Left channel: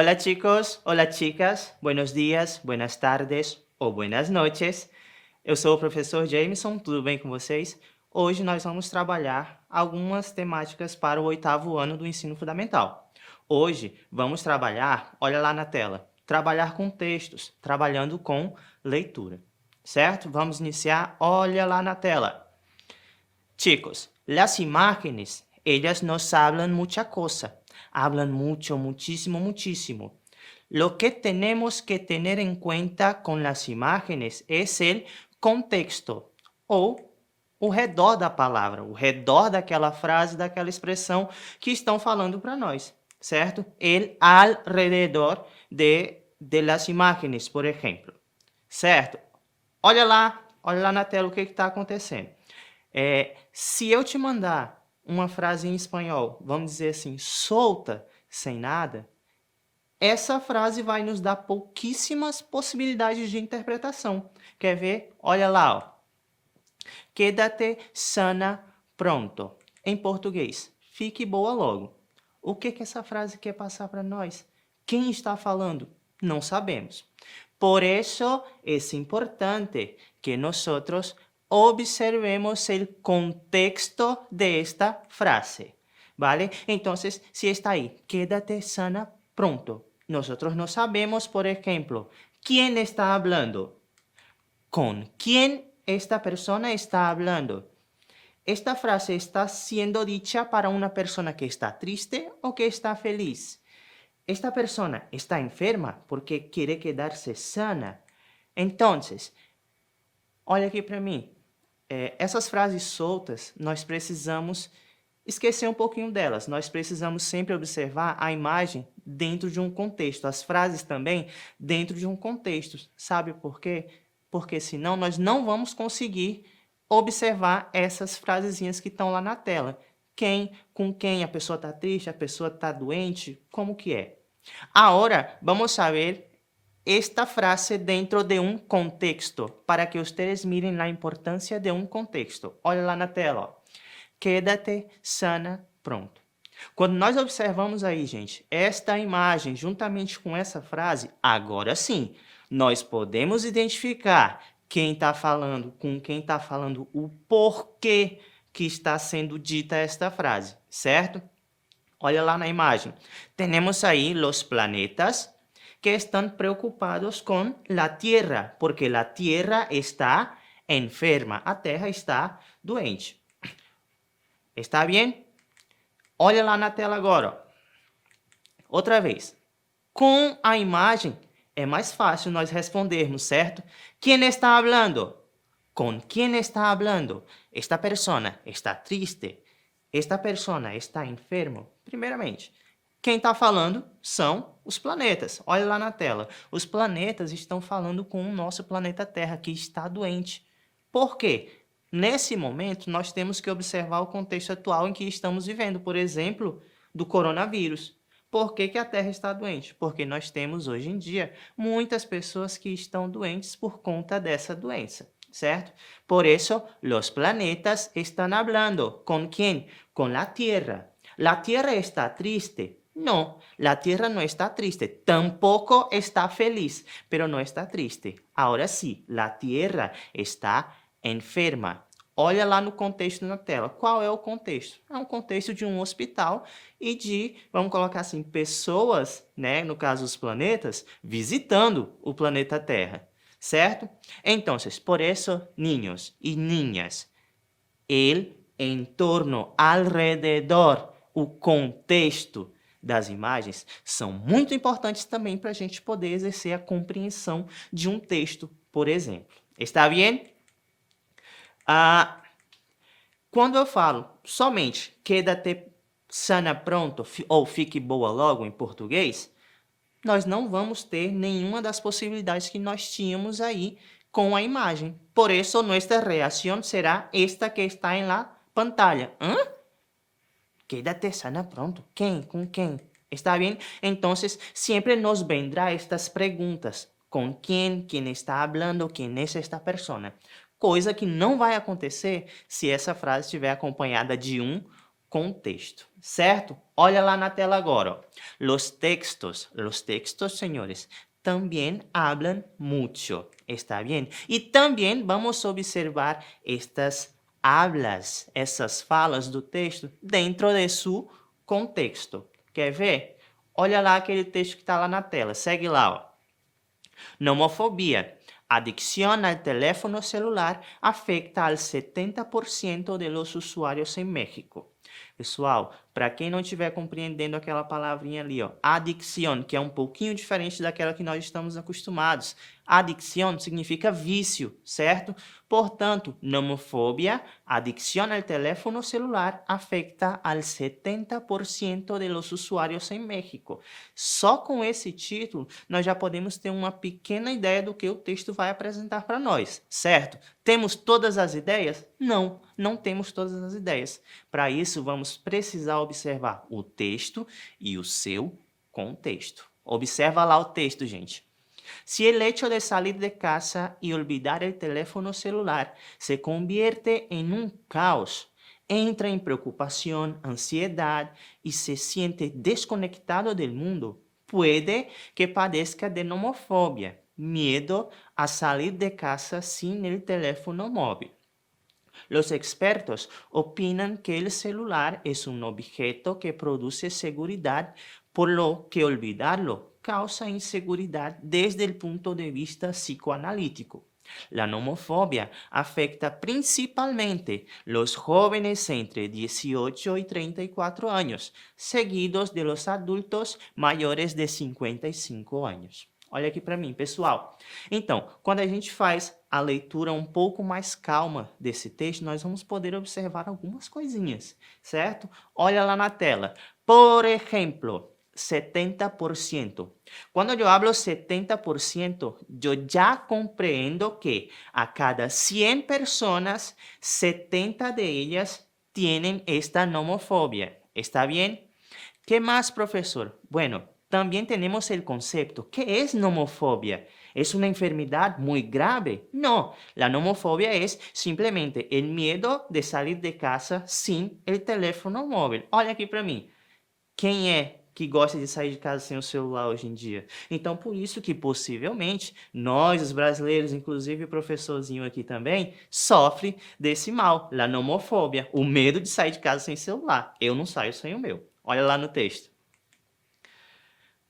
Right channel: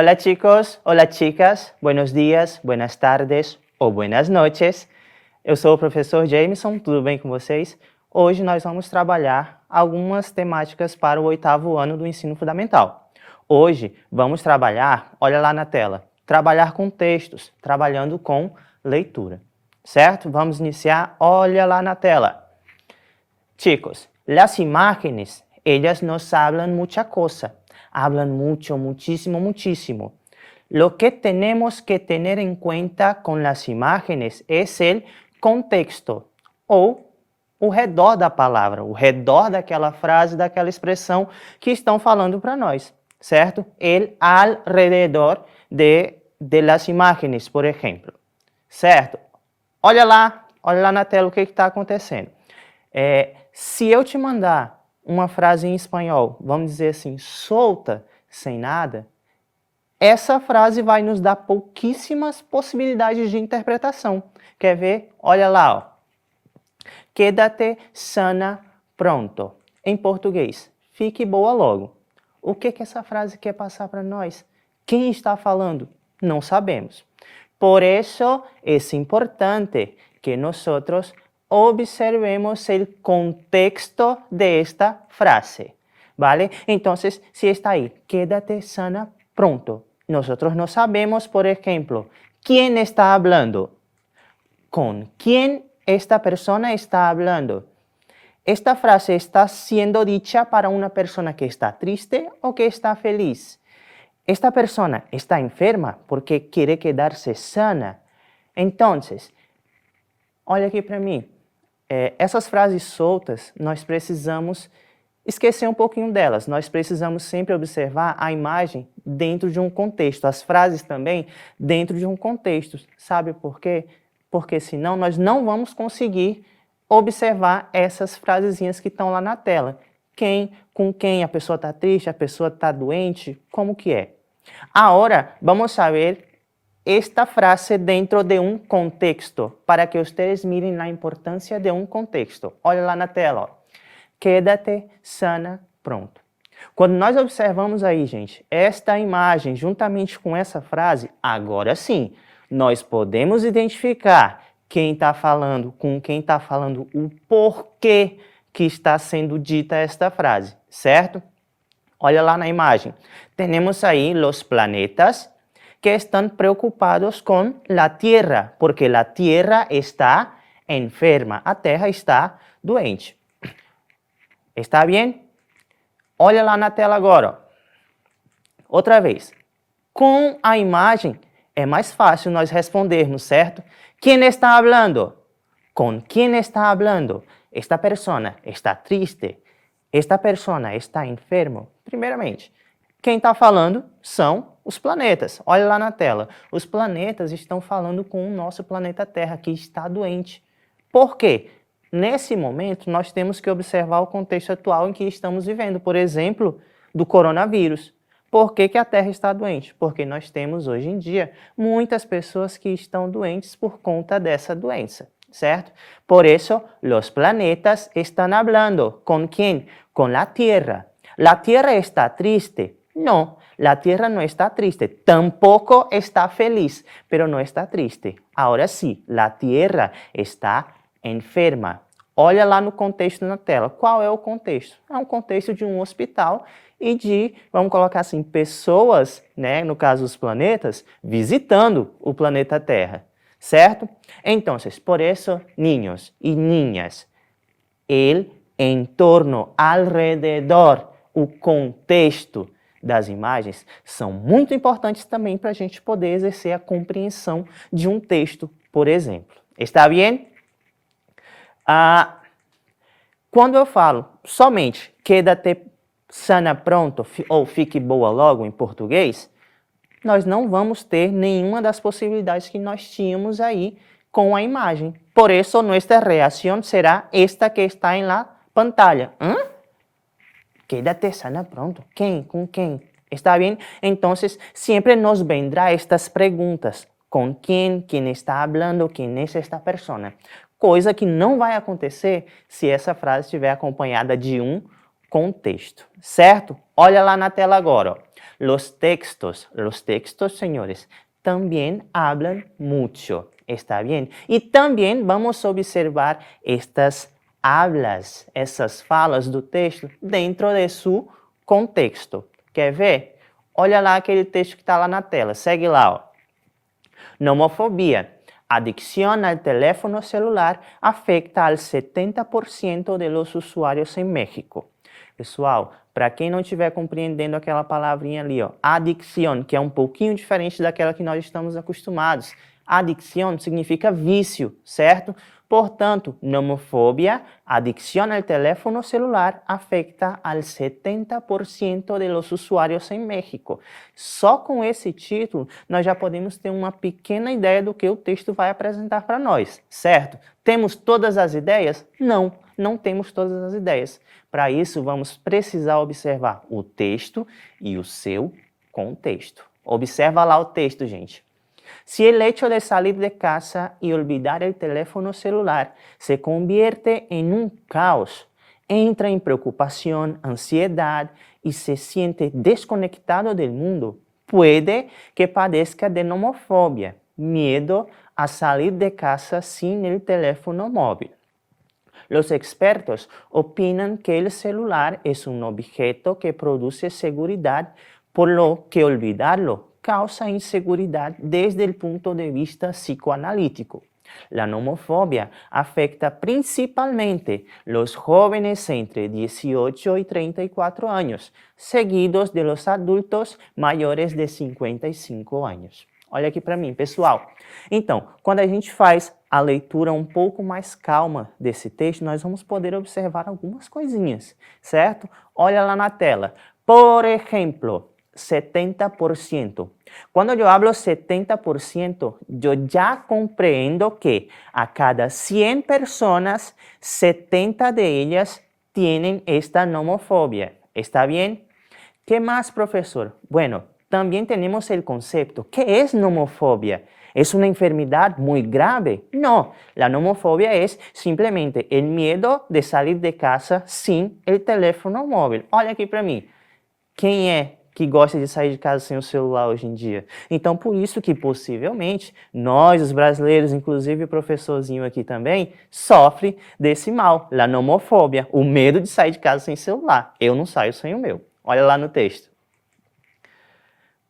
Hola chicos, hola chicas, buenos dias, buenas tardes ou buenas noches. Eu sou o professor Jameson, tudo bem com vocês? Hoje nós vamos trabalhar algumas temáticas para o 8º ano do ensino fundamental. Hoje vamos trabalhar, olha lá na tela, trabalhar com textos, trabalhando com leitura, certo? Vamos iniciar, olha lá na tela. Chicos, las imágenes, ellas nos hablan mucha cosa. Hablan mucho, muchísimo, muchísimo. Lo que tenemos que tener en cuenta con las imágenes es el contexto, ou o redor da palavra, o redor daquela frase, daquela expressão que estão falando para nós, certo? El alrededor de las imágenes, por exemplo, certo? Olha lá na tela o que está acontecendo. Se eu te mandar uma frase em espanhol, vamos dizer assim, solta, sem nada, essa frase vai nos dar pouquíssimas possibilidades de interpretação. Quer ver? Olha lá, ó. Quédate sana pronto. Em português, fique boa logo. O que essa frase quer passar para nós? Quem está falando? Não sabemos. Por isso, é importante que nós observemos o contexto de esta frase, ¿vale? Entonces, si está ahí, quédate sana pronto. Nosotros no sabemos, por ejemplo, quién está hablando, con quién esta persona está hablando. Esta frase está siendo dicha para una persona que está triste o que está feliz. Esta persona está enferma porque quiere quedarse sana. Entonces, olha aqui para mim. Essas frases soltas, nós precisamos esquecer um pouquinho delas. Nós precisamos sempre observar a imagem dentro de um contexto. As frases também dentro de um contexto. Sabe por quê? Porque senão nós não vamos conseguir observar essas frasezinhas que estão lá na tela. Com quem a pessoa está triste, a pessoa está doente, como que é? Agora, vamos a ver esta frase dentro de um contexto, para que vocês mirem a importância de um contexto. Olha lá na tela, ó. Quédate sana pronto. Quando nós observamos aí, gente, esta imagem juntamente com essa frase, agora sim, nós podemos identificar quem está falando, com quem está falando, o porquê que está sendo dita esta frase, certo? Olha lá na imagem. Temos aí os planetas que están preocupados con la Tierra, porque la Tierra está enferma, a Terra está doente. Está bem? Olha lá na tela agora. Outra vez. Com a imagem é mais fácil nós respondermos, certo? Quem está falando? Com quem está falando? Esta persona está triste? Esta persona está enfermo? Primeiramente, quem está falando são os planetas. Olha lá na tela. Os planetas estão falando com o nosso planeta Terra, que está doente. Por quê? Nesse momento, nós temos que observar o contexto atual em que estamos vivendo. Por exemplo, do coronavírus. Por que a Terra está doente? Porque nós temos, hoje em dia, muitas pessoas que estão doentes por conta dessa doença, certo? Por isso, os planetas estão falando. Com quem? Com a Terra. La Tierra está triste. No, la Tierra no está triste, tampoco está feliz, pero no está triste. Ahora sí, la Tierra está enferma. Olha lá no contexto na tela. Qual é o contexto? É um contexto de um hospital e de, vamos colocar assim, pessoas, né, no caso os planetas, visitando o planeta Terra, certo? Então, por isso, niños e niñas, el entorno, alrededor, o contexto das imagens são muito importantes também para a gente poder exercer a compreensão de um texto, por exemplo. Está bem? Quando eu falo somente quédate sana pronto ou fique boa logo em português, nós não vamos ter nenhuma das possibilidades que nós tínhamos aí com a imagem. Por isso, nossa reação será esta que está em la pantalla. Quédate sana pronto. ¿Quién? ¿Con quién? ¿Está bien? Entonces, siempre nos vendrá estas preguntas. ¿Con quién? ¿Quién está hablando? ¿Quién es esta persona? Coisa que não vai acontecer se essa frase estiver acompanhada de um contexto, certo? Olha lá na tela agora. Ó. Los textos, señores, también hablan mucho, ¿está bien? Y también vamos a observar estas hablas, essas falas do texto dentro de seu contexto. Quer ver? Olha lá aquele texto que está lá na tela. Segue lá, ó. Nomofobia. Adicción al teléfono celular afecta al 70% de los usuarios en México. Pessoal, para quem não estiver compreendendo aquela palavrinha ali, ó, adicção, que é um pouquinho diferente daquela que nós estamos acostumados. Adicção significa vício, certo? Portanto, nomofobia, adicción al teléfono celular, afecta al 70% de los usuarios em México. Só com esse título, nós já podemos ter uma pequena ideia do que o texto vai apresentar para nós, certo? Temos todas as ideias? Não, não temos todas as ideias. Para isso, vamos precisar observar o texto e o seu contexto. Observa lá o texto, gente. Si el hecho de salir de casa y olvidar el teléfono celular se convierte en un caos, entra en preocupación, ansiedad y se siente desconectado del mundo, puede que padezca de nomofobia, miedo a salir de casa sin el teléfono móvil. Los expertos opinan que el celular es un objeto que produce seguridad, por lo que olvidarlo causa inseguridad desde el punto de vista psicoanalítico. La nomofobia afecta principalmente los jóvenes entre 18 y 34 años, seguidos de los adultos mayores de 55 anos. Olha aqui para mim, pessoal. Então, quando a gente faz a leitura um pouco mais calma desse texto, nós vamos poder observar algumas coisinhas, certo? Olha lá na tela. Por exemplo, 70%. Cuando yo hablo 70%, yo ya comprendo que a cada 100 personas, 70 de ellas tienen esta nomofobia. ¿Está bien? ¿Qué más, profesor? Bueno, también tenemos el concepto. ¿Qué es nomofobia? ¿Es una enfermedad muy grave? No, la nomofobia es simplemente el miedo de salir de casa sin el teléfono móvil. Olha aqui para mim. Quem é que gosta de sair de casa sem o celular hoje em dia? Então, por isso que, possivelmente, nós, os brasileiros, inclusive o professorzinho aqui também, sofre desse mal, a nomofobia, o medo de sair de casa sem celular. Eu não saio sem o meu. Olha lá no texto.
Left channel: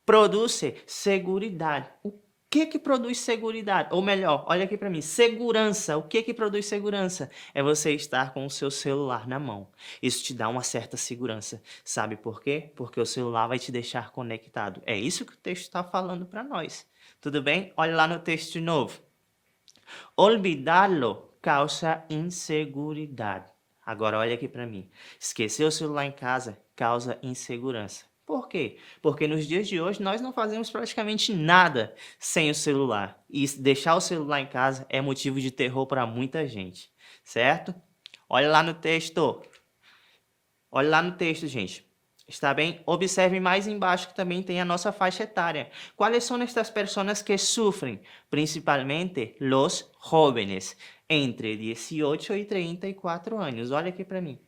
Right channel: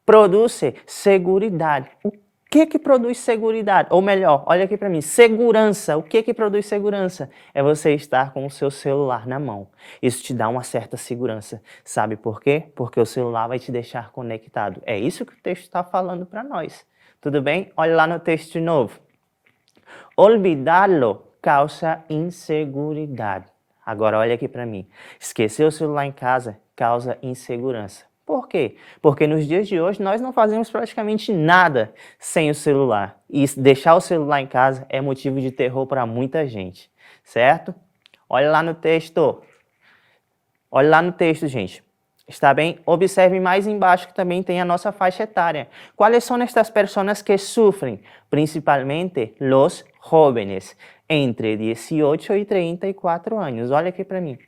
Produz seguridade. O que produz segurança? Ou melhor, olha aqui para mim, segurança. O que produz segurança? É você estar com o seu celular na mão. Isso te dá uma certa segurança. Sabe por quê? Porque o celular vai te deixar conectado. É isso que o texto está falando para nós. Tudo bem? Olha lá no texto de novo. Olvidarlo causa inseguridade. Agora olha aqui para mim. Esquecer o celular em casa causa insegurança. Por quê? Porque nos dias de hoje nós não fazemos praticamente nada sem o celular. E deixar o celular em casa é motivo de terror para muita gente, certo? Olha lá no texto. Olha lá no texto, gente. Está bem? Observe mais embaixo que também tem a nossa faixa etária. Quais são estas pessoas que sofrem? Principalmente os jóvenes, entre 18 e 34 anos. Olha aqui para mim.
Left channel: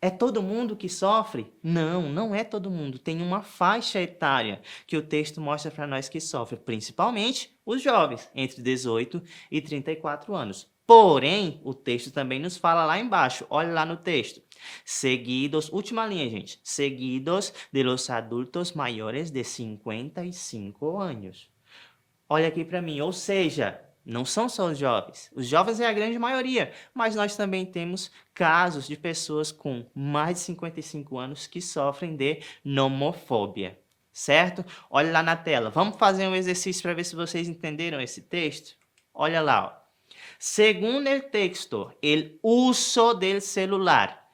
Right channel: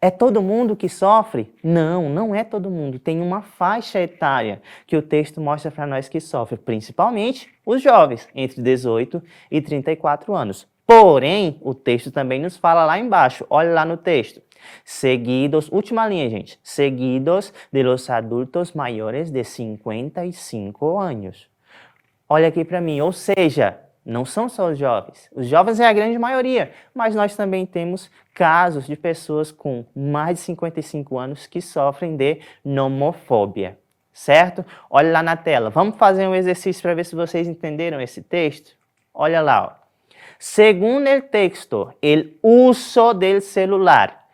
É todo mundo que sofre? Não, não é todo mundo. Tem uma faixa etária que o texto mostra para nós que sofre, principalmente os jovens, entre 18 e 34 anos. Porém, o texto também nos fala lá embaixo, olha lá no texto. Seguidos, última linha, gente. Seguidos de los adultos maiores de 55 anos. Olha aqui para mim, ou seja, não são só os jovens. Os jovens é a grande maioria, mas nós também temos casos de pessoas com mais de 55 anos que sofrem de nomofobia, certo? Olha lá na tela. Vamos fazer um exercício para ver se vocês entenderam esse texto? Olha lá, ó. Segundo o texto, o uso do celular.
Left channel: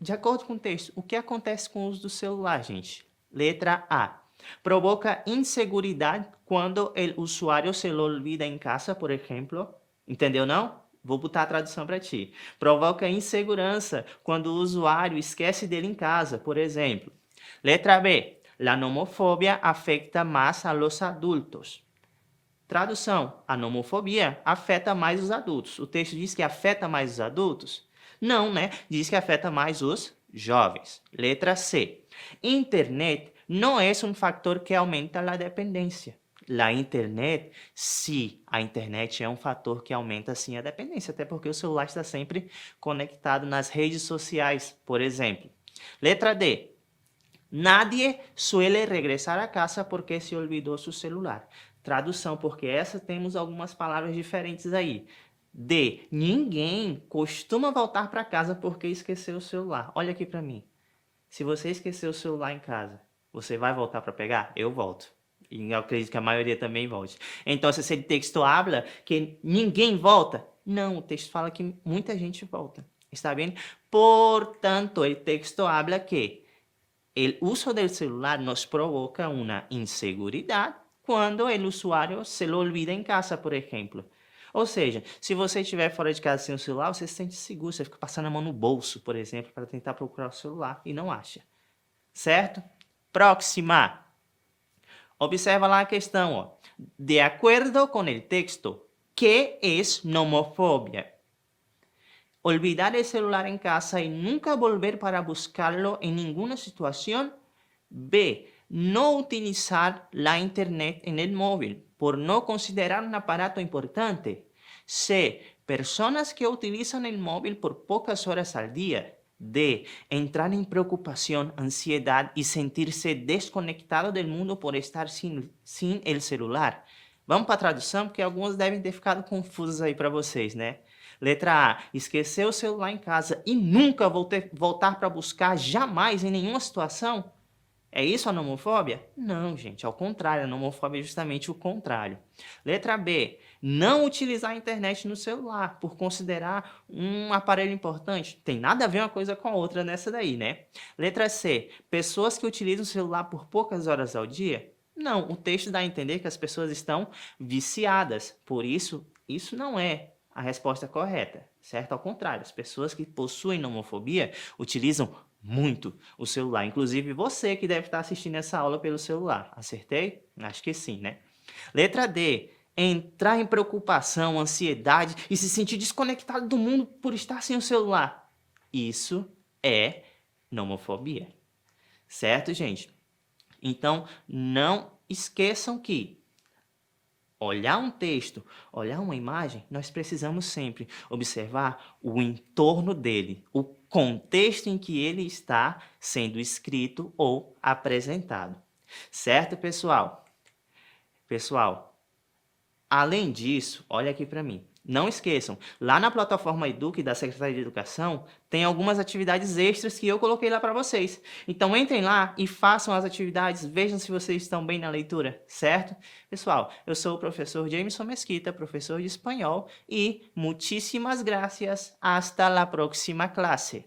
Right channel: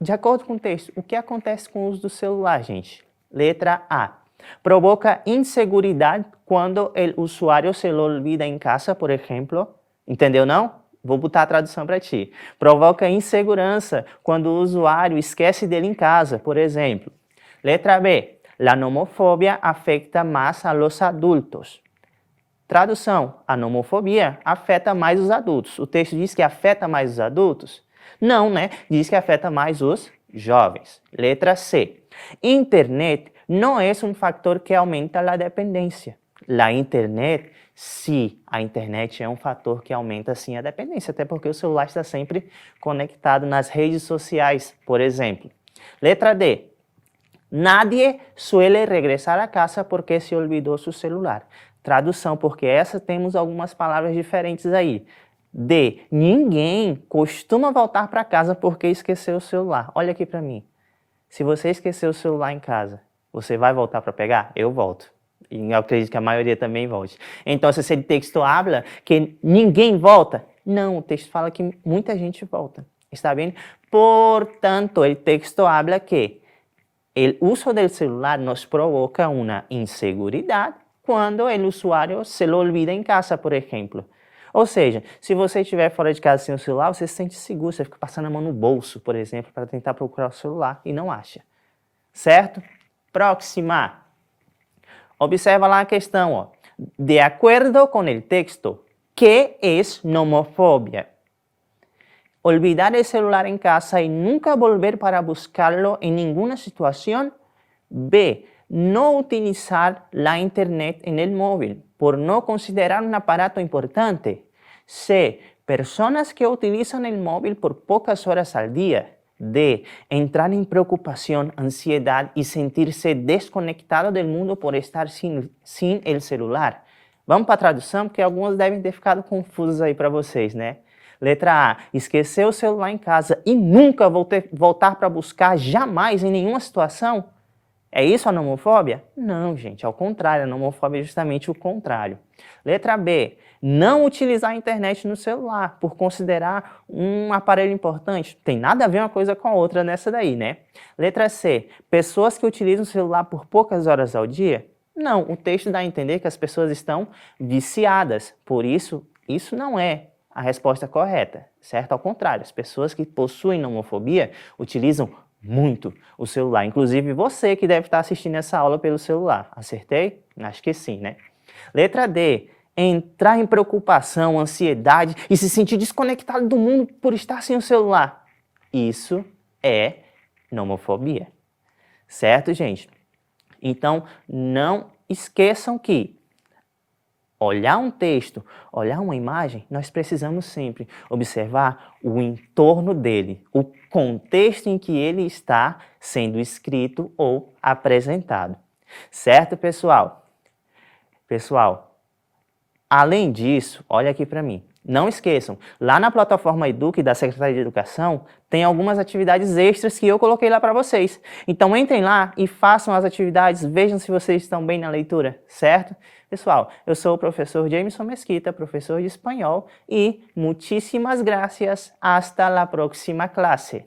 De acordo com o texto, o que acontece com o uso do celular, gente? Letra A. Provoca inseguridade quando o usuário se lo olvida em casa, por exemplo. Entendeu não? Vou botar a tradução para ti. Provoca insegurança quando o usuário esquece dele em casa, por exemplo. Letra B. La nomofobia afecta mais a los adultos. Tradução. A nomofobia afeta mais os adultos. O texto diz que afeta mais os adultos? Não, né? Diz que afeta mais os jovens. Letra C. Internet não é um fator que aumenta a dependência. A internet é um fator que aumenta sim a dependência, até porque o celular está sempre conectado nas redes sociais, por exemplo. Letra D. Nadie suele regresar a casa porque se olvidou seu celular. Tradução, porque essa temos algumas palavras diferentes aí. D. Ninguém costuma voltar para casa porque esqueceu o celular. Olha aqui para mim. Se você esqueceu o celular em casa, você vai voltar para pegar? Eu volto. E eu acredito que a maioria também volte. Então, se esse texto habla que ninguém volta, não, o texto fala que muita gente volta. Está bem? Portanto, o texto habla que o uso do celular nos provoca uma inseguridade quando o usuário se lo olvida em casa, por exemplo. Ou seja, se você estiver fora de casa sem o celular, você se sente seguro, você fica passando a mão no bolso, por exemplo, para tentar procurar o celular e não acha. Certo? Próxima. Observa lá a questão, ó. De acordo com o texto, ¿qué es nomofobia? Olvidar el celular en casa y nunca volver para buscarlo en ninguna situación. B. No utilizar la internet en el móvil por no considerar un aparato importante. C. Personas que utilizan el móvil por pocas horas al día. D. Entrar en preocupación, ansiedad y sentirse desconectado del mundo por estar sin el celular. Vamos para a tradução, porque algumas devem ter ficado confusas aí para vocês, né? Letra A. Esquecer o celular em casa e nunca voltar para buscar jamais em nenhuma situação? É isso a nomofobia? Não, gente, ao contrário, a nomofobia é justamente o contrário. Letra B. Não utilizar a internet no celular por considerar um aparelho importante. Tem nada a ver uma coisa com a outra nessa daí, né? Letra C. Pessoas que utilizam o celular por poucas horas ao dia? Não, o texto dá a entender que as pessoas estão viciadas. Por isso, isso não é a resposta correta, certo? Ao contrário, as pessoas que possuem nomofobia utilizam muito o celular. Inclusive você que deve estar assistindo essa aula pelo celular. Acertei? Acho que sim, né? Letra D. Entrar em preocupação, ansiedade e se sentir desconectado do mundo por estar sem o celular. Isso é nomofobia. Certo, gente? Então, não esqueçam que olhar um texto, olhar uma imagem, nós precisamos sempre observar o entorno dele, o contexto em que ele está sendo escrito ou apresentado. Certo, pessoal? Pessoal, além disso, olha aqui para mim. Não esqueçam, lá na plataforma Eduque da Secretaria de Educação, tem algumas atividades extras que eu coloquei lá para vocês. Então entrem lá e façam as atividades, vejam se vocês estão bem na leitura, certo? Pessoal, eu sou o professor Jameson Mesquita, professor de espanhol, e muchísimas gracias, hasta la próxima clase.